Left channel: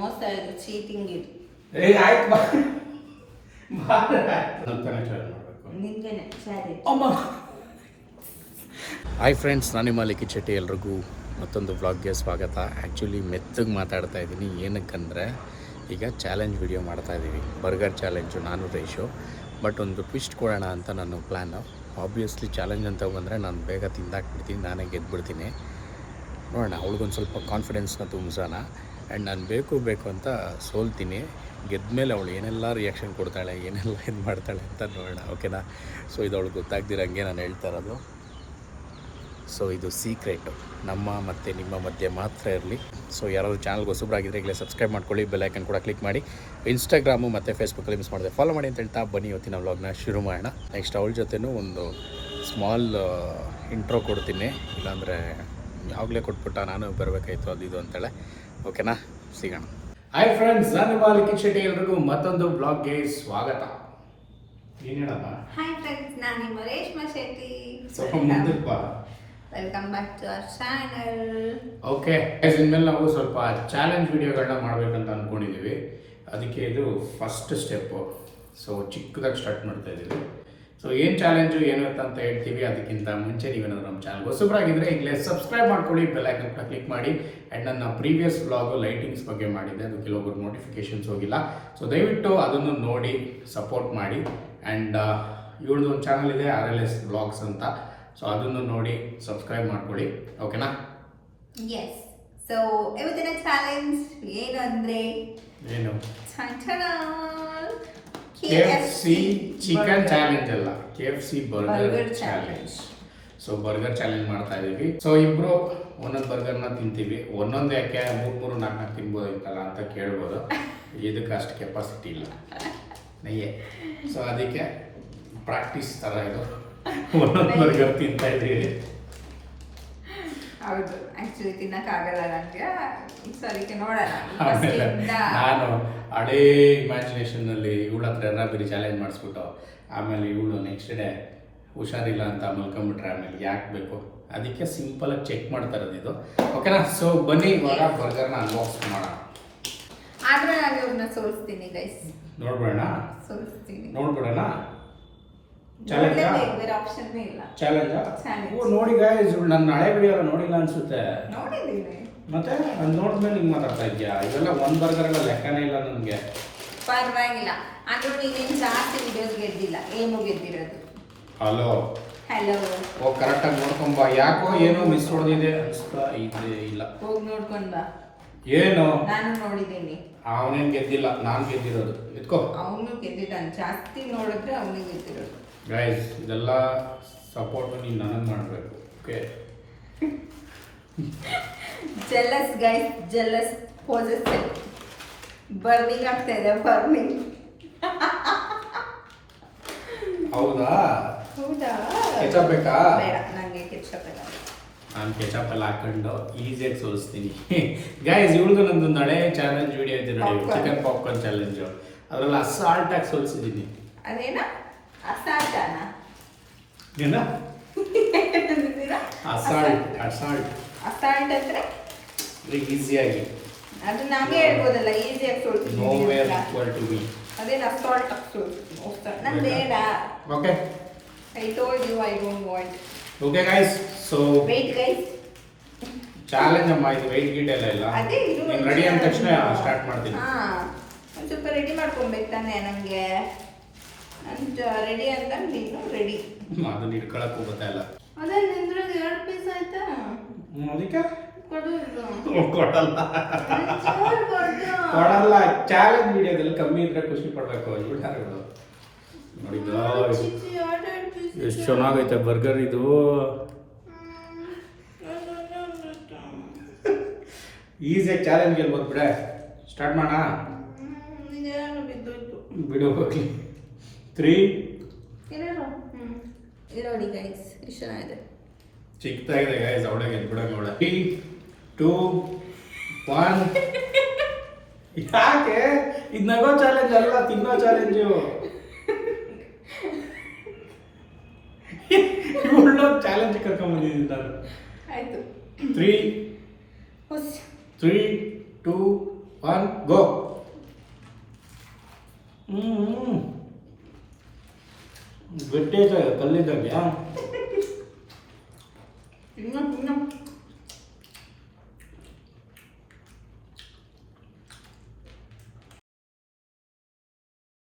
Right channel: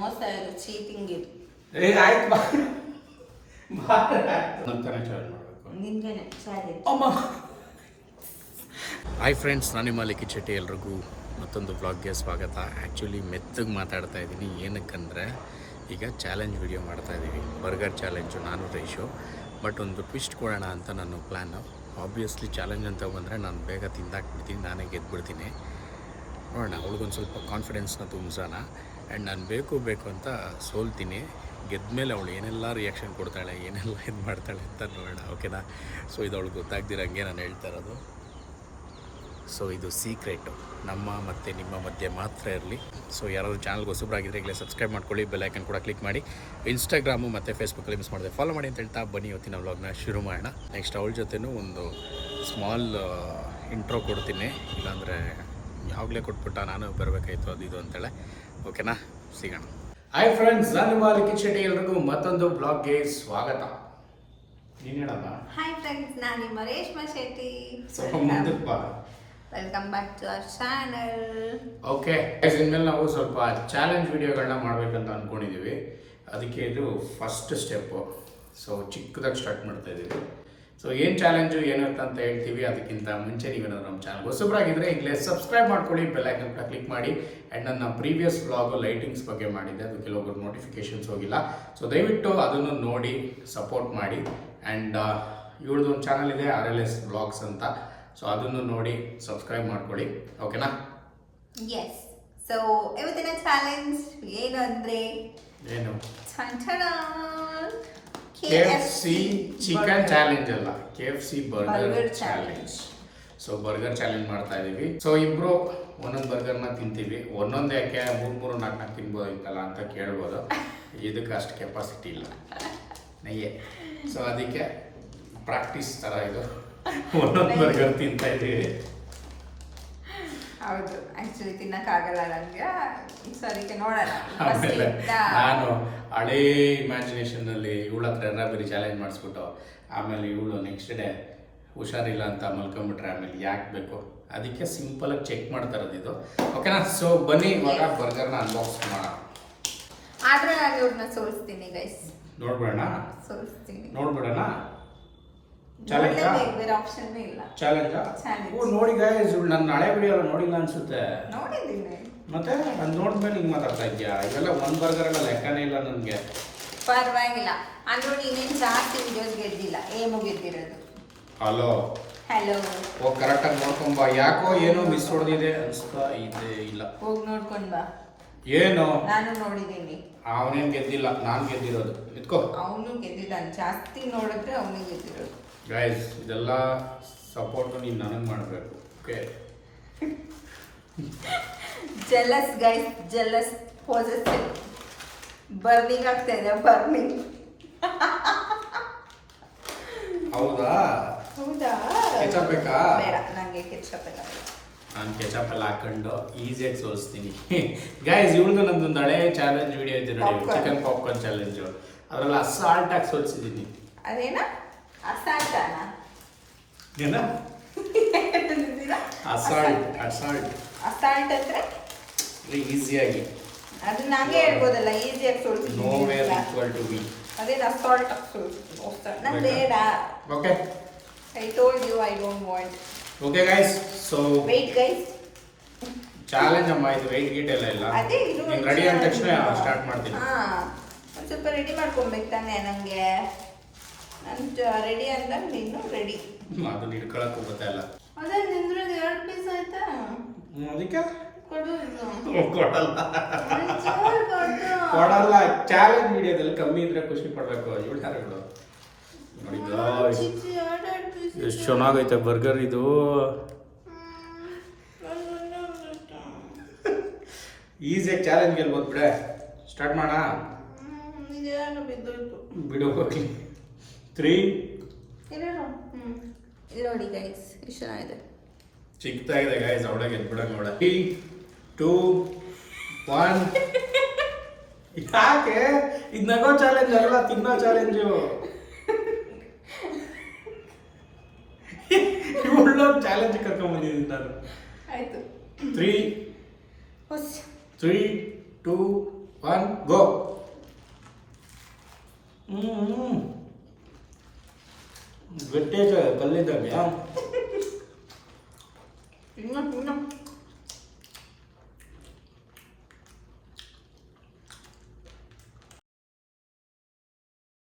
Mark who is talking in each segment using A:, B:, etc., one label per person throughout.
A: ಮೋಸ ಇದು ಚೀಟಿಂಗ್ ಇದು.
B: ಆಯ್ತು ಬಾ. ನಂತರ ಚಾರ್ಜ್ ಮಾಡಬೇಕು.
A: ಸರಿ
B: ಅಮ್ಮ. ಹಾಯ್ ಫ್ರೆಂಡ್ಸ್ ನಾನು ನಿಮ್ಮ ಲಿಖಿತ್ ಶೆಟ್ಟಿ ಎಲ್ರಿಗೂ ಮತ್ತೊಂದು ವ್ಲಾಗ್ಗೆ ಸ್ವಾಗತ. ಆ್ಯಕ್ಚುಲಿ ಮೆತ್ತಗೆ ಮಾತಾಡ್ತಾ ಇದ್ದೀನಿ ಏನಕ್ಕಂದರೆ ಈಗ ಚಾಲೆಂಜ್ ವಿಡಿಯೋ ಮಾಡ್ತಾ ಇದ್ದೀವಿ ಬರ್ಗರ್ ಚಾಲೆಂಜು ನಾನು ರೇಷು. ಬಟ್ ಒಂದು ಟ್ವಿಸ್ಟ್ ಕೊಡೋಣ ಅಂತ ನನ್ನ ಪ್ಲ್ಯಾನು ಆಬ್ವಿಯಸ್ಲಿ ಚಾಲೆಂಜ್ ಅಂತ ಬಂದರೆ ನಾನು ಬೇಗ ತಿಂದಾಕ್ಬಿಡ್ತೀನಿ ನಾನೇ ಗೆದ್ಬಿಡ್ತೀನಿ. ನೋಡೋಣ ಅವಳಿಗೊಂದು ಸ್ವಲ್ಪ ಕಾನ್ಫಿಡೆನ್ಸ್ನ ತುಂಬಿಸೋಣ. ಆ್ಯಂಡ್ ನಾನು ಬೇಕು ಬೇಕು ಅಂತ ಸೋಲ್ತೀನಿ. ಗೆದ್ಮೇಲೆ ಅವಳು ಏನೆಲ್ಲ ರಿಯಾಕ್ಷನ್ ಕೊಡ್ತಾಳೆ, ಏನೆಲ್ಲ ಇದು ಮಾಡ್ತಾಳೆ ಅಂತ ನೋಡೋಣ ಓಕೆನಾ ಸೊ ಇದು ಅವಳು ಗೊತ್ತಾಗ್ದಿರಂಗೆ ನಾನು ಹೇಳ್ತಾ ಇರೋದು. ಸೊ ಇದು ಸೀಕ್ರೆಟು ನಮ್ಮ ಮತ್ತು ನಿಮ್ಮ ಮಧ್ಯೆ ಮಾತ್ರ ಇರಲಿ. ಸೊ ಯಾರಾದರೂ ಚಾನಲ್ಗೆ ಹೊಸಬ್ರಾಗಿದ್ದರೆ ಈಗಲೇ ಸಬ್ಸ್ಕ್ರೈಬ್ ಮಾಡ್ಕೊಳ್ಳಿ ಬೆಲ್ಲೈಕನ್ ಕೂಡ ಕ್ಲಿಕ್ ಮಾಡಿ. ಇನ್ಸ್ಟಾಗ್ರಾಮು ಮತ್ತು ಫೇಸ್ಬುಕ್ಕಲ್ಲಿ ಮಿಸ್ ಮಾಡಿದೆ. ಫಾಲೋ ಮಾಡಿ ಅಂತ ಹೇಳ್ತಾ ಬನ್ನಿ ಇವತ್ತಿನ ವ್ಲಾಗ್ನ ಶುರು ಮಾಡೋಣ. ನೆಕ್ಸ್ಟ್ ಅವಳ ಜೊತೆನೂ ಒಂದು ಸ್ಮಾಲ್ ಇಂಟ್ರೋ ಕೊಡ್ತೀನಿ. ಇಲ್ಲಾಂದರೆ ಯಾವಾಗಲೇ ಕೊಟ್ಬಿಟ್ಟ ನಾನು ಬರಬೇಕಾಯ್ತು, ಅದು ಇದು ಅಂತೇಳೆ. ಓಕೆನಾ? ಸಿಗೋಣ. ಹಾಯ್ ಫ್ರೆಂಡ್ಸ್ ನಾನು ಲಿಖಿತ್ ಶೆಟ್ಟಿ ಎಲ್ರಿಗೂ ಮತ್ತೊಂದು ಬ್ಲಾಗ್ಗೆ ಸ್ವಾಗತ. ಏನು ಹೇಳಪ್ಪ?
A: ಹಾಯ್ ಫ್ರೆಂಡ್ಸ್ ನಾನು ನಿಮ್ಮ ರೇಷ್ಮಾ ಶೆಟ್ಟಿ.
B: ಸ್ವಲ್ಪ ಮುಂದಕ್ಕೆ ಬಾ.
A: Welcome back to our channel
B: okay ಇನ್ಮೇಲೆ ನಾವು ಸ್ವಲ್ಪ ಚಾಲೆಂಜ್ ವಿಡಿಯೋಗಳನ್ನ ಮಾಡಬೇಕಂತ ಅಂದ್ಕೊಂಡಿದ್ದೀವಿ ಅದಕ್ಕೆ ಇದು ಫಸ್ಟ್ ಸ್ಟೆಪ್ಪು ಸೊ ಚಿಕ್ಕದಾಗಿ ಸ್ಟಾರ್ಟ್ ಮಾಡ್ತಾ ಇದ್ದೀವಿ ಸೊ ಏನು ಚಾಲೆಂಜು ಏನು ಅಂತ ಅಂತ ಹೇಳ್ತೀವಿ. ಅದಕ್ಕಿಂತ ಮುಂಚೆ ನೀವೇನಾದ್ರು ನಮ್ಮ ಚಾನಲ್ ಹೊಸಬ್ರಾಗಿದ್ದರೆ ಈಗಲೇ ಸಬ್ಸ್ಕ್ರೈಬ್ ಮಾಡ್ಕೊಳ್ಳಿ ಬೆಲ್ಲೈಕನ್ ಕೂಡ ಕ್ಲಿಕ್ ಮಾಡಿ. ಆ್ಯಂಡ್ ನನ್ನ ಪ್ರೀವಿಯಸ್ ವ್ಲಾಗು ಲೈಟಿಂಗ್ಸ್ ಬಗ್ಗೆ ಮಾಡಿದ್ದೆ. ಅದು ಕೆಲವೊಬ್ಬರು ನೋಟಿಫಿಕೇಶನ್ಸ್ ಹೋಗಿಲ್ಲ. ಸೊ ದಯವಿಟ್ಟು ಅದನ್ನು ನೋಡಿ ಸಪೋರ್ಟ್ ಮಾಡಿ. ಆ್ಯಂಡ್ ಇವಳದು ಒಂದು ಚಾನಲ್ ಇದೆ ಆರ್ ಎಲ್ ಎಸ್ ಬ್ಲಾಗ್ಸ್ ಅಂತ. ಸೊ ಅದನ್ನು ನೋಡಿ ಸಬ್ಸ್ಕ್ರೈಬ್ ಮಾಡ್ಕೊಳ್ಳಿ. ಓಕೆನಾ
A: ಎಸ್ ಸೊ ಇವತ್ತಿನ ಚಾಲೆಂಜ್ ಏನು ಅಂದರೆ
B: ಏನು?
A: K
B: F C chicken challenge ಅಲ್ಲ. K F C burger challenge so burger challenge ಮಾಡ್ತಾ ಇದೀವಿ. ಸೊ ಇಬ್ರು ಒಂದೊಂದು ಬರ್ಗರ್ನ ತಿಂತೀವಿ. ಒಂದೊಂದು ಯಾಕೆ ಮೂರು ಮೂರು ನಾಲ್ಕು ನಾಲ್ಕು ತಿನ್ಬೋದಿತ್ತಲ್ಲ ಅಂತ ಕೇಳ್ಬೋದು. ಇದಕ್ಕೆ ಅಷ್ಟು ಕೆಪಾಸಿಟಿ ಇಲ್ಲ. ನಯ್ಯೆ. ಸೊ ಅದಕ್ಕೆ ಪ್ರಾಕ್ಟೀಸ್ ಥರ ಇದು. ಒಂದೊಂದು ಬರ್ಗರ್ ತಿಂತಾ ಇದ್ದೀವಿ
A: ಹೌದು ಆಕ್ಚುಲಿ ತಿನ್ನಕ್ಕಾಗಲ್ಲ ನನಗೆ ನಂಗೆ. ಸರಿ ನೋಡೋಣ.
B: ನಾನು ಹಳೇ ಇಮ್ಯಾಜಿನೇಷನ್ನಲ್ಲಿ ಇವಳ ಹತ್ರ ಎಲ್ಲ ಬರೀ ಚಾಲೆಂಜ್ ಮಾಡಿಸ್ಬಿಟ್ಟು ಆಮೇಲೆ ಇವಳು ನೆಕ್ಸ್ಟ್ ಡೇ ಹುಷಾರಿಲ್ಲ ಅಂತ ಮಲ್ಕೊಂಬಿಟ್ರೆ ಆಮೇಲೆ ಯಾಕೆ ಬೇಕು? ಅದಕ್ಕೆ ಆಗಿ ಚೆಕ್ ಮಾಡ್ತಾ ಇರೋದು ಇದು. ಓಕೆನಾ ಸೊ ಬನ್ನಿ ಇವಾಗ ಬರ್ಗರ್ನ ಅನ್ಬಾಕ್ಸ್ ಮಾಡೋಣ.
A: ಆದ್ರೆ ನಾನು ಇವ್ರನ್ನ ಸೋಲಿಸ್ತೀನಿ ಗೈಸ್
B: ನೋಡ್ಬಿಡೋಣ?
A: ಸೋಲಿಸ್ತೀನಿ.
B: ನೋಡ್ಬಿಡೋಣ? ಚಾಲೆಂಜಾ
A: ಬೇರೆ ಆಪ್ಷನ್ ಇಲ್ಲ.
B: ಚಾಲೆಂಜ್. ಓ ನೋಡಿ ಗಾಯ್ಸ್ ನನ್ನ ಹಳೆ ವಿಡಿಯೋ ಎಲ್ಲ ನೋಡಿಲ್ಲ ಅನ್ಸುತ್ತೆ.
A: ನೋಡಿದ್ದೀನಿ.
B: ಮತ್ತೆ ಅದು ನೋಡಿದ್ಮೇಲೆ ಹಿಂಗೆ ಮಾತಾಡ್ತಾ ಇದೆಯಾ ಇವೆಲ್ಲ ಒಂದು ಬರ್ಗರ್ ಎಲ್ಲ ಲೆಕ್ಕನೇ ಇಲ್ಲ ನನಗೆ.
A: ಪರವಾಗಿಲ್ಲ. ಅಂದ್ರೂ ನೀನೇನು ಜಾಸ್ತಿ ವಿಡಿಯೋಸ್ ಗೆದ್ದಿಲ್ಲ. ಏನು ಗೆದ್ದಿರೋದು?
B: ಹಲೋ
A: ಹಲೋ
B: ಓ ಕರೆಕ್ಟಾಗಿ ನೋಡ್ಕೊಂಬ ಯಾಕೋ ಏನೋ ಮಿಸ್ ಹೊಡೆದಿದೆ ಅನಿಸ್ತಾ ಇದೆ ಇಲ್ಲ.
A: ಹೋಗಿ ನೋಡ್ಕೊಂಡ್ ಬಾ.
B: ಏನು?
A: ನಾನು ನೋಡಿದ್ದೀನಿ.
B: ಅವನೇನು ಗೆದ್ದಿಲ್ಲ ನಾನು ಗೆದ್ದಿರೋದು. ಎತ್ಕೋ
A: ಅವನು ಗೆದ್ದಿದ್ದಾನೆ. ಜಾಸ್ತಿ ನೋಡಿದ್ರೆ ಅವನಿಗೆ ಗೆದ್ದಿರೋದು.
B: ಗೈಸ್ ಇದೆಲ್ಲ ಸಪೋರ್ಟು ನೀನು ನನಗೆ ಮಾಡಬೇಕು okay
A: jealous guys jealous poses burning ಆಗ್ತಾ ಇದೆ ಬರ್ನಿಂಗ್
B: ಹೌದಾ?
A: ಹೌದಾ?
B: ಕೆಚಪ್ ಬೇಕಾ?
A: ಬೇಡ ನನಗೆ ಕೆಚಪ್ ಬೇಡ.
B: ನಾನು ಕೆಚಪ್ ಎಲ್ಲ ಹಾಕೊಂಡು ಈಸಿಯಾಗಿ ಸೋಲಿಸ್ತೀನಿ. ಗೈಸ್ ಇವಳ್ದು ನಂದೊಂದು ಹಳೆ ಚಾಲೆಂಜ್ ವಿಡಿಯೋ ಇದೆ ನೋಡಿ ಚಿಕನ್ ಪಾಪ್ಕಾರ್ನ್ ಚಾಲೆಂಜು ಅದರಲ್ಲಿ ಅಸಾಲ್ಟಾಗಿ ಸೋಲಿಸಿದ್ದೀನಿ
A: ಅದೇನ? ಅಸಾಲ್ಟಾನ.
B: ಏನ? Assault assault.
A: ಅಸಾಲ್ಟ್. ಅಂದ್ರೆ?
B: ಈಸಿಯಾಗಿ.
A: ಅದು ನಾನೇ ಹೇಳ್ಬೋದಲ್ಲ ಈಸಿಯಾಗಿ
B: ನೋ ವೇರ್
A: ಸೋಲ್ತೀನಿ
B: ಈಕ್ವಲ್ ಟು ಬಿ
A: ಅದೇನು ಅಸಾಲ್ಟ್ ನಂಗೆ ಬೇಡ.
B: Okay
A: I told you I don't want
B: okay guys so
A: wait guys
B: challenge ಅಮ್ಮ ಇದು ವೆಯ್ಟ್ ಗೀಟ್ ಎಲ್ಲ ಇಲ್ಲ. ರೆಡಿ ಅಂದ ತಕ್ಷಣ ಸ್ಟಾರ್ಟ್ ಮಾಡ್ತೀನಿ.
A: ಹಾ ಒಂದು ಸ್ವಲ್ಪ ರೆಡಿ ಮಾಡ್ಕೊಬೇಕು ತಾನೆ ನನಗೆ ಅಂತ ರೆಡಿ ಅಂತ ನೀನು ರೆಡಿ
B: ಅದನ್ನ ಇಟ್ಕೊಳಕ್ಕೂ ಗೊತ್ತಾಯಿಲ್ಲ
A: ಅದೇ ನಿಂದ್ರೆ ಎರಡು ಪೀಸ್ ಆಯ್ತಾ?
B: ಅದಕ್ಕೆ. ಕೊಡಲ್ಲ. ಕೊಡಲ್ಲ. ಚಾಲೆಂಜ್ ವಿಡಿಯೋದಲ್ಲಿ ಕಮ್ಮಿ ಇದ್ರೆ ಖುಷಿ ಪಡ್ಬೇಕು. ಇವಳು ಯಾರು ಇವಳು? ನೋಡಿ guys,
A: ಚಿಕ್ಕ ಎರಡು ಎರಡು piece
B: ಎಷ್ಟು ಚೆನ್ನಾಗೈತೆ ಬರ್ಗರ್ ಇದು. ಈಸಿಯಾಗಿ ಚಾಲೆಂಜ್ ಗೆಲ್ಬೋದು ಬಿಡ. ಸ್ಟಾರ್ಟ್ ಮಾಡ. ಬಿಡು ಹೋಗ್ಲಿ. ತ್ರೀ
A: ನೋಡಿ ಗೈಸ್ ಎಷ್ಟು ಚೆನ್ನಾಗಿದೆ
B: ಚಿಕ್ಕದಾಗಿದೆ ಗೈಸ್ ಅವಳಿಗೆ ಗೆದ್ಬಿಡಂಗ ಅವಳ. ತ್ರೀ ಟೂ ಒನ್ ಯಾಕೆ? ಇದು ನಗೋ ಚಾಲೆಂಜ್ ಅಲ್ಲ ತಿನ್ನೋ ಚಾಲೆಂಜು ಇವಳು ಚಾಲೆಂಜ್ ಕರ್ಕೊಂಡ್ ಬಂದಿದ್ದೀನಿ ನಾನು.
A: ಆಯ್ತು.
B: Three three two one go ಹ್ಞೂ ಗಟ್ಟಿ ಕಲ್ಲಿದ್ದಂಗೆ
A: ಇನ್ನು ಇನ್ನು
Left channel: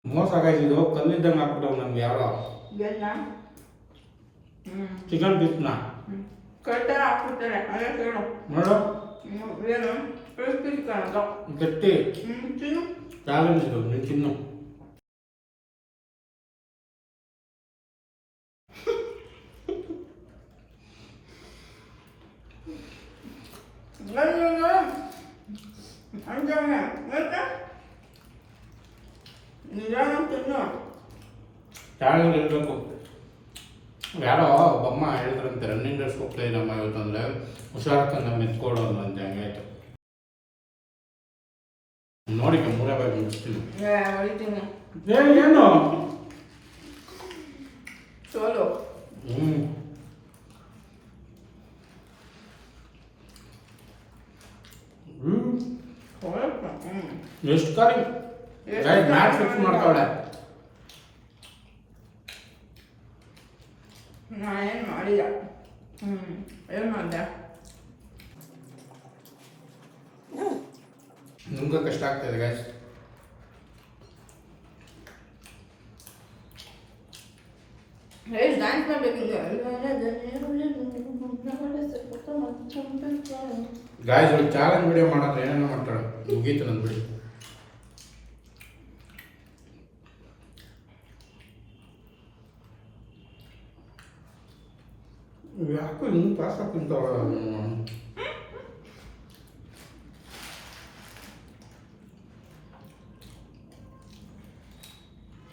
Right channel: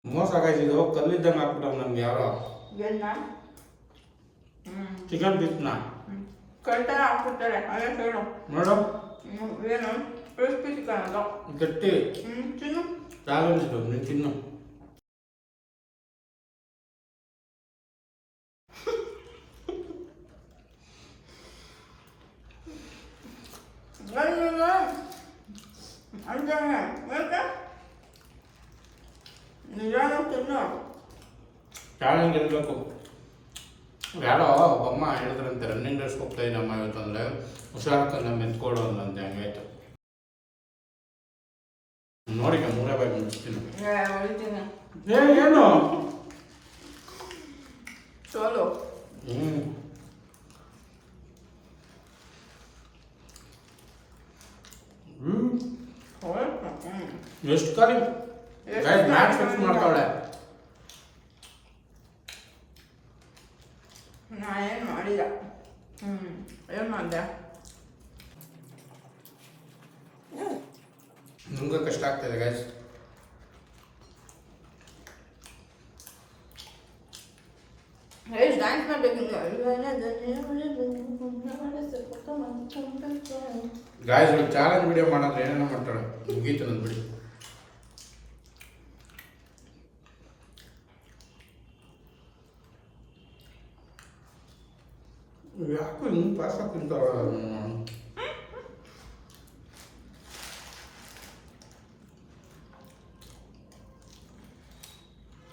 B: ಮೋಸ ಆಗಾಯ್ತಿದ್ದು ಕಲ್ಲಿದ್ದಂಗೆ ಹಾಕ್ಬಿಟ್ಟ ನಮ್ಗೆ ಯಾರೋ. ಚಿಕನ್ ಪೀಸ್ನ
A: ಹಾಕ್ಬಿಡ್ತಾರೆ. ಅದೇ ಕೇಳು.
B: ನೋಡು.
A: ಏನು?
B: ಗಟ್ಟಿ.
A: ತಿನ್ನು.
B: ಚಾಲೆಂಜ್ ಇದು ನೀನು ತಿನ್ನು
A: ಅಯ್ಯೋ ಅಂತಾನೆ ಯಾಕೆ ನಿಜಾನ ತಿನ್ನು
B: ಚಾಲೆಂಜ್ ಇರಬೇಕು. ಯಾರೋ ಒಬ್ಬಮ್ಮ ಹೇಳಿದ್ರಂತೆ ರನ್ನಿಂಗ್ ರೇಸ್ ಹೋಗ್ತಾ ನಮ್ಮ ಇವತ್ತು ಅಂದರೆ ಹುಷಾರಕ್ಕಂದ ಮೆತ್ಕೊಡೋದು ಅಂತ ಹಂಗಾಯ್ತು ನೋಡಿ ಮೂರೇ ಬಾಯಿ ಮುಗಿಸ್ತೀನಿ. ಏನು
A: ಸೋಲು
B: ಹ್ಞೂ ಹ್ಞೂ
A: ಹೊರಟು ಹ್ಞೂ
B: ಎಷ್ಟು ಖಾಲಿ
A: ಗೈಸ್
B: ಮ್ಯಾಟ್ ಫಿಕ್ಸ್ ಮಾಡ್ತಾವಳೆ.
A: ನಾನೇನು ಮಾಡಿಲ್ಲ. ಹ್ಞೂ ಏನು ಮಾಡಿದೆ?
B: ನಿಮ್ಗೆ ಕಷ್ಟ ಆಗ್ತಾಯಿದೆ
A: ಗೈಸ್ ಡ್ಯಾನ್ಸ್
B: ಗಾಯಸ್ ಒಂದು ಚಾಲೆಂಜ್ ವಿಡಿಯೋ ಮಾಡೋದ್ರೆ ಏನೇನೋ ಮಾಡ್ತಾಳೆ. ಮುಗೀತು ಅಂದ್ಬಿಡಿ ಬಿಡಿ. ಯಾಕೋ ಹಿಂಗೆ ಪಾಸ್ ಹಾಕಿಂತಾವ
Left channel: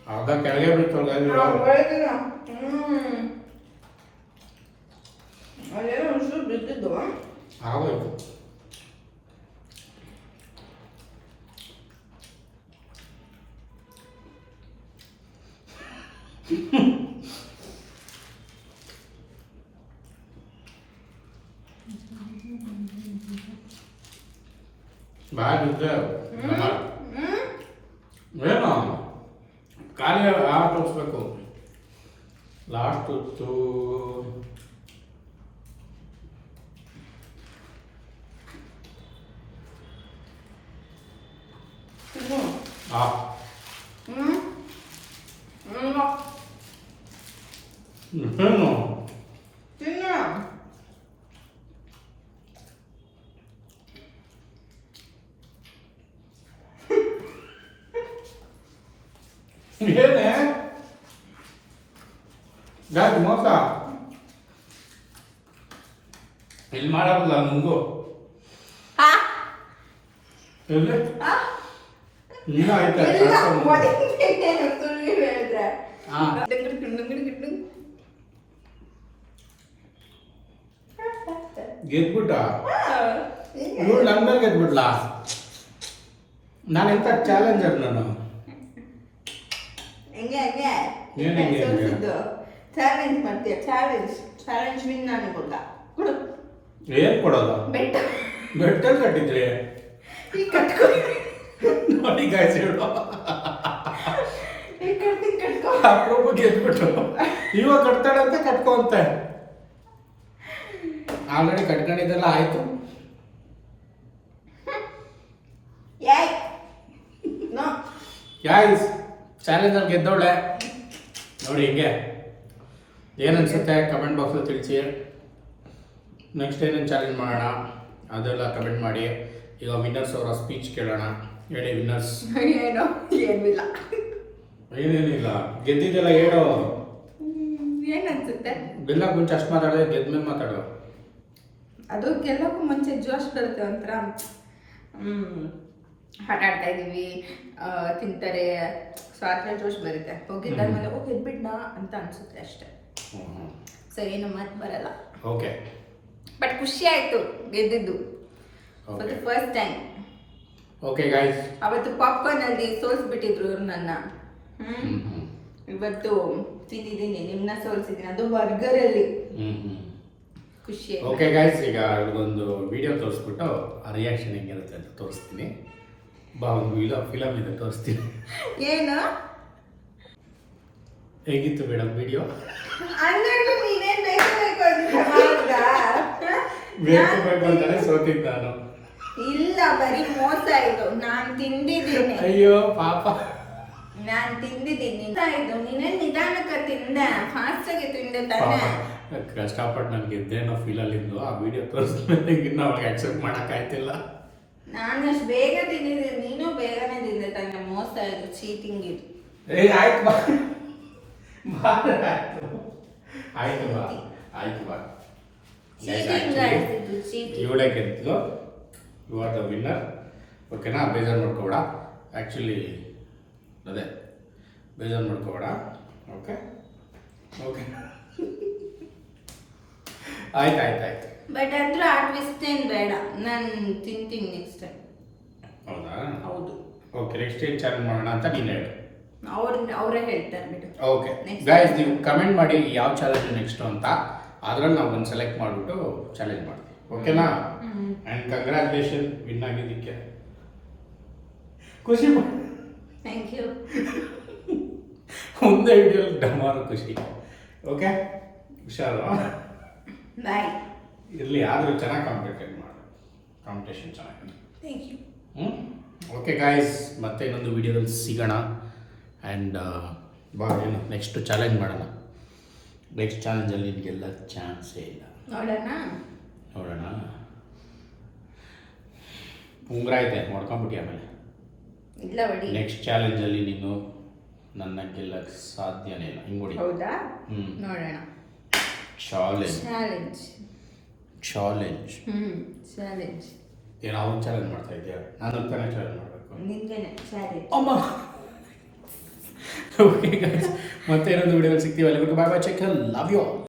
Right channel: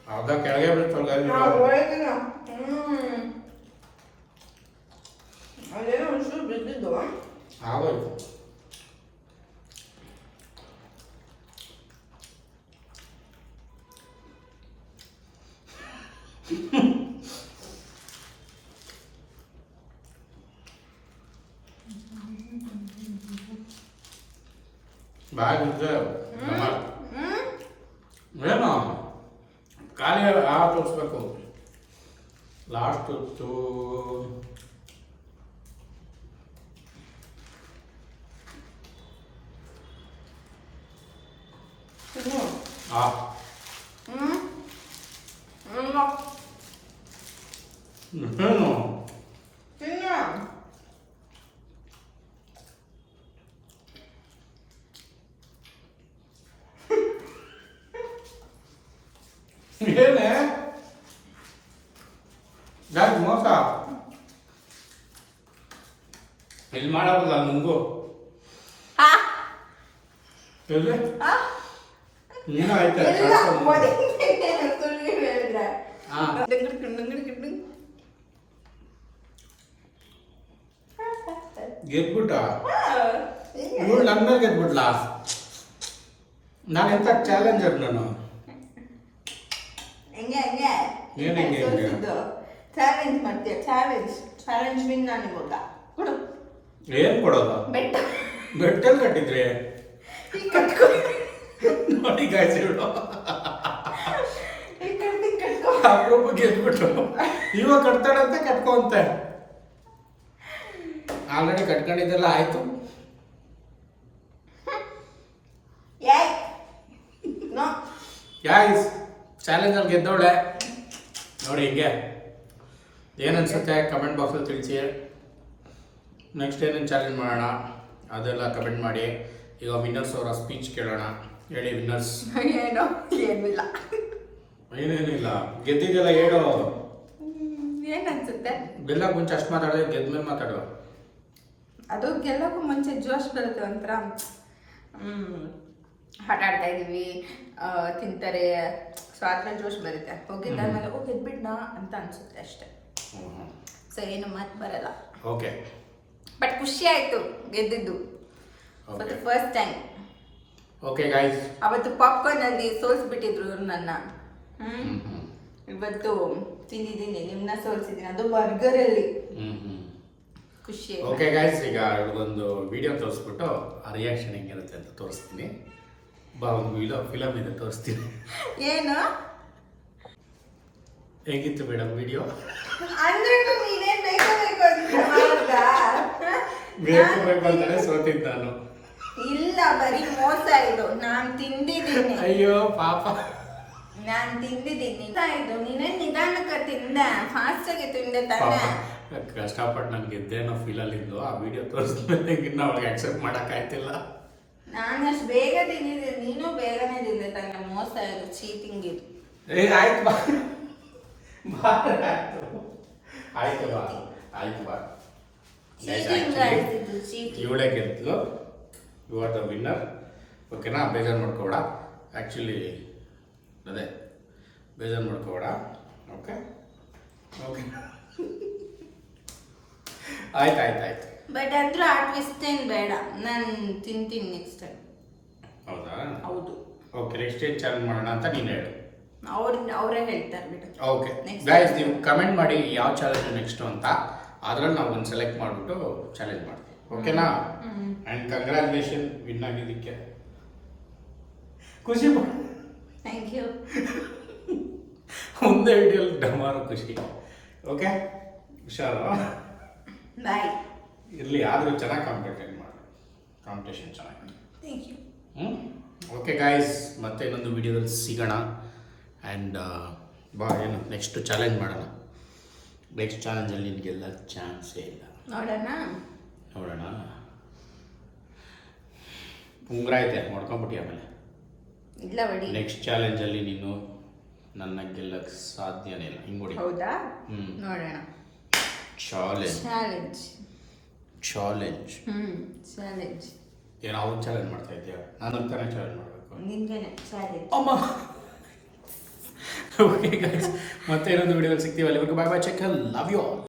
B: ಅರ್ಧ ಕೆಳಗೆ ಬೀಳ್ತಾವ ಗಾಯ್ಸ್
A: ಅದೇನೋ ಒಂಚೂರು ಬಿದ್ದಿದ್ದು
B: ಆಗೋಯ್ತು ಬಾಯ್ ಬಿದ್ದೆ ನಮ್ಮ ಏನು ಖಾಲಿ ಆ ತೋರಿಸ್ಬೇಕು ಲಾಸ್ಟ್ ಹೊತ್ತು
A: ತಿನ್ನು
B: ಆ
A: ಹ್ಞೂ ಹ್ಞೂ
B: ಏನು
A: ತಿನ್ನು
B: ಏನೇ ಯಾಕೆ ಮೋಸ ಇಲ್ಲಿ ಮಾಡೋದಲ್ಲ ನಿಮಗೂ
A: ಹಾ
B: ಎಲ್ಲಿ
A: ಹಾ
B: ನೀನು ಆಯ್ತಾ
A: ಇಲ್ಲ
B: ಕಳ್ಸ್ಕೊಂಡು.
A: ಮೊದಲಿಗೆ ಸುಳ್ಳು ಹೇಳಿದ್ರೆ
B: ಹಾ.
A: ಡಂಗ್ರಿ ಕಿಂಗ್, ಡಂಗ್ರಿ ಕಿಂಗ್.
B: ಗೆದ್ಬಿಟ್ಟ
A: ಹಾ, ಹಿಂಗೆ.
B: ಇವಳು ನನ್ನ ಮೇಲೆ ಗೆದ್ಬಿಟ್ಲಾ ನಾನು ಎಂತ ಚಾಲೆಂಜರ್ ನಾನು
A: ಹೆಂಗೆ ಹೆಂಗೆ?
B: ಏನ್ ಹೆಂಗೆ ಹೆಂಗೆ?
A: ಚಾಲೆಂಜ್ ಮಾಡ್ತೀಯ? ಚಾಲೆಂಜ್ ಚಾಲೆಂಜ್ ವಿನ್ ನಾನು ಗೊತ್ತಾ ಕೊಡು.
B: ಏನ್ ಕೊಡೋದು?
A: ಬೆಟ್ಟ.
B: ಬೆಟ್ಟಲ್ಲಿ ಕಟ್ಟಿದ್ರೆ?
A: ಈ ಕಟ್ಕೊ.
B: ನೋಡಿ ಗಾಯ್ಸ್ ಹೇಳು.
A: ಈ ಕಟ್ಟಿ ಕಟ್ಕೊ.
B: ಅಪ್ರೂಪ ಗೆದ್ಬಿಟ್ಟು. ಇವಾಗ ಕಟ್ತಾಳೆ ಅಂತ ಕಟ್ಕೊಂತೆ ಆಲ್ರೆಡಿ ಕಟ್ಕೊಂಡಿದ್ದೆಲ್ಲ ಆಯ್ತು.
A: ಏಯ್. ನೋ.
B: ಯಾಯ್ಸ್ ಚಾಲೆಂಜಲ್ಲಿ ಗೆದ್ದವಳೆ ನೋಡಿ ಹಿಂಗೆ. ಏನನ್ಸುತ್ತೆ ಕಮೆಂಟ್ ಬಾಕ್ಸಲ್ಲಿ ತಿಳಿಸಿ. ನೆಕ್ಸ್ಟ್ ಏನೇನು ಚಾಲೆಂಜ್ ಮಾಡೋಣ? ಅದೆಲ್ಲ ಕಮೆಂಟ್ ಮಾಡಿ. ಈಗ ವಿನ್ನರ್ಸ್ ಅವರ ಸ್ಪೀಚ್ ಕೇಳೋಣ. ಹೇಳಿ ವಿನ್ನರ್ಸ್
A: ಏನೋ ಏನಿಲ್ಲ.
B: ಏನೇನಿಲ್ಲ? ಗೆದ್ದಿದ್ದೆಲ್ಲ ಹೇಳು.
A: ಏನ್ ಅನ್ಸುತ್ತೆ?
B: ಗೆಲ್ಲಕ್ಕೆ ಮುಂಚೆ ಅಷ್ಟು ಮಾತಾಡಿದ್ರೆ ಗೆದ್ದ ಮೇಲೆ ಮಾತಾಡೋ.
A: ಅದು ಗೆಲ್ಲಕ್ಕೂ ಮುಂಚೆ ಜೋಶ್ ಬರುತ್ತೆ ಒಂಥರ. ಆಟ ಆಡ್ತಾ ಇದ್ದೀವಿ ತಿಂತಾರೆ ಸ್ವಾರ್ಥ ಜೋಶ್ ಬರುತ್ತೆ. ಹೋಗಿದ್ದಾದ್ಮೇಲೆ ಓ ಗೆದ್ಬಿಡ್ನ ಅಂತ ಅನ್ಸುತ್ತೆ ಅಷ್ಟೇ. ಸೊ ಏನು ಮಾತು ಬರಲ್ಲ.
B: ಓಕೆ.
A: ಬಟ್ ಖುಷಿ ಆಯ್ತು ಗೆದ್ದಿದ್ದು. ಫಸ್ಟ್ ಟೈಮ್
B: ಓಕೆ ಗಾಯ್ಸ್
A: ಅವತ್ತು ಪಾಪ್ಕಾರ್ನ್ ಅಲ್ಲಿ ಸೋಲ್ಸ್ಬಿಟ್ಟಿದ್ರು ಇವ್ರು ನನ್ನ. ಇವತ್ತು ತಿಂದಿದ್ದೀನಿ ನಿಮ್ಮನ್ನ ಸೋಲ್ಸಿದ್ದೀನಿ. ಅದು ಬರ್ಗರ್ ಅಲ್ಲಿ ಖುಷಿ
B: ಓಕೆ ಗೈಸ್ ಈಗ ಒಂದು ವಿಡಿಯೋ ತೋರಿಸ್ಬಿಟ್ಟು ಆ ರಿಯಾಕ್ಷನ್ ಹೆಂಗಿರುತ್ತೆ ಅಂತ ತೋರಿಸ್ತೀನಿ. ಬಾ ಒಂದು ಇಲ್ಲ ಫಿಲಮ್ ಇದೆ ತೋರಿಸ್ತೀನಿ.
A: ಏನು?
B: ಹೇಗಿತ್ತು ಮೇಡಮ್ ವಿಡಿಯೋ?
A: ಅಂದ್ರೆ ನೀನೇನ್ ಬೇಕು ಬೇಕು ಅಂತ ಮಾಡ್ದಾ?
B: ಬೇಕು ಬೇಕು ಅಂತಾನೆ ಸೋತಿದ್ದು ನಾನು.
A: ಇಲ್ಲ ಬರೀ ಮೋಸ ಇದು. ನಾನ್ ತಿಂದಿದ್ದೀನಿ.
B: ಅಯ್ಯೋ ಪಾಪ.
A: ನಾನ್ ತಿಂದಿದ್ದೀನಿ. ಇದು. ನೀನೇ ನಿಧಾನಕ್ಕೆ ತಿಂದ? ಫಾಸ್ಟ್ ಆಗಿ ತಿಂದೆ
B: ಪಾಪ
A: ತಾನೆ
B: ಕಷ್ಟಪಟ್ಟು ನನಗೆ ಗೆದ್ದೇನೋ ಫೀಲಲ್ಲಿ ಇದ್ಲು ಆ ವಿಡಿಯೋ ತೋರಿಸ್ಮೇಲೆ ಇನ್ನ ಅವಳಿಗೆ ಅಕ್ಸೆಪ್ಟ್ ಮಾಡೋಕ್ಕಾಯ್ತಿಲ್ಲ
A: ನಾನು ಅಷ್ಟು ಬೇಗ ತಿಂದಿದ್ದೀನಿ ನೀನು ಬೇಗನೆ ತಿಂದೆ ತಾನೆ ಮೋಸ ಆಯ್ತು ಚೀಟಿಂಗ್ ಇದು
B: ಏ ಆಯ್ತು ಬಾ. ಬಾ, ಆಯ್ತು. ಆಯ್ತು ಬಾ ಆಯ್ತು ಬಾ. ಇವಳೇ ಗೆದ್ಲು. ಯು ಆರ್ ದ ವಿನ್ನರ್ ಓಕೆನಾ ಬೇಜಾರು ಮಾಡ್ಕೋಬೇಡ. ಆ್ಯಕ್ಚುಲಿ ಅದೇ ಬೇಜಾರು ಮಾಡ್ಕೋಬೇಡ. ಓಕೆ ಓಕೆ ಆಯ್ತು ಆಯ್ತು ಆಯ್ತು
A: ಬಟ್ ಅಂದ್ರೆ ಆ ಟ್ವಿಸ್ಟ್ ಬೇಡ. ನಾನು ತಿಂತೀನಿ ನೆಕ್ಸ್ಟ್ ಟೈಮ್
B: ಹೌದಾ?
A: ಹೌದು.
B: ಓಕೆ ನೆಕ್ಸ್ಟ್ ಏನು ಚಾಲೆಂಜ್ ಮಾಡೋಣ ಅಂತ ನೀನು ಹೇಳು.
A: ಅವ್ರು ಅವರೇ ಹೇಳ್ತಾರೆ ಬಿಡು.
B: ಓಕೆ. ಗೈಸ್ ನೀವು ಕಮೆಂಟ್ ಮಾಡಿ ಯಾವ ಚಾಲೆಂಜ್ ನೆಕ್ಸ್ಟು ಅಂತ. ಅದರಲ್ಲಿ ನಾವು ಒಂದು ಸೆಲೆಕ್ಟ್ ಮಾಡಿಬಿಟ್ಟು ಚಾಲೆಂಜ್ ಮಾಡ್ತೀವಿ. ಓಕೆನಾ ಆ್ಯಂಡ್ ಕಂಗ್ರ್ಯಾಚುಲೇಷನ್ ವಿನ್ ಆಗಿದ್ದಕ್ಕೆ. ಖುಷಿ ಪಡ್-
A: ಥ್ಯಾಂಕ್ ಯು
B: ಒಂದೇ ವಿಡಿಯೋಲಿ ಡಮಾರು ಖುಷಿ. ಓಕೆ ಹುಷಾರು?
A: ಬಾಯ್
B: ಇರಲಿ ಆದರೂ ಚೆನ್ನಾಗಿ ಕಾಂಪಿಟೇಟ್ ಮಾಡಬೇಕು. ಕಾಂಪಿಟೇಷನ್ ಚೆನ್ನಾಗಿ
A: ಥ್ಯಾಂಕ್ ಯು
B: ಹ್ಞೂ ಓಕೆ ಗಾಯ್ಸ್ ಮತ್ತೆ ಇನ್ನೊಂದು ವಿಡಿಯೋದಲ್ಲಿ ಸಿಗೋಣ. ಆ್ಯಂಡ್ ಬಾ ಏನು ನೆಕ್ಸ್ಟ್ ಚಾಲೆಂಜ್ ಮಾಡೋಣ. ನೆಕ್ಸ್ಟ್ ಚಾಲೆಂಜಲ್ಲಿ ನಿನಗೆಲ್ಲ ಚಾನ್ಸೇ ಇಲ್ಲ.
A: ನೋಡೋಣ.
B: ನೋಡೋಣ. ಉಂಗ್ರ ಐತೆ ಮಾಡ್ಕೊಂಬಿಟ್ಟಿ ಆಮೇಲೆ?
A: ಇಲ್ಲ ಬಿಡಿ.
B: ನೆಕ್ಸ್ಟ್ ಚಾಲೆಂಜಲ್ಲಿ ನೀನು ನನ್ನ ಗೆಲ್ಲಕ್ಕೆ ಸಾಧ್ಯನೇ ಇಲ್ಲ. ಹಿಂಗೆ ಹೊಡಿ.
A: ಹೌದಾ?
B: ಹ್ಞೂ
A: ನೋಡೋಣ.
B: ಚಾಲೆಂಜ್
A: ಚಾಲೆಂಜ್
B: ಚಾಲೆಂಜ್
A: ಹ್ಮ್ ಚಾಲೆಂಜ್
B: ಏನೋ ಅವನು ಚಾಲೆಂಜ್ ಮಾಡ್ತಾ ಇದೆಯಾ? ನಾನು ತಾನೇ ಚಾಲೆಂಜ್ ಮಾಡಬೇಕು.
A: ನಿನ್ಗೇನೆ ಚಾಲೆಂಜ್
B: ಅಮ್ಮ! ಓಕೆ ಗೈಸ್ ಮತ್ತೆ ಇನ್ನೊಂದು ವಿಡಿಯೋದಲ್ಲಿ ಸಿಗ್ತೀವಿ ಅಲ್ಲಿವರೆಗೂ bye bye check love you all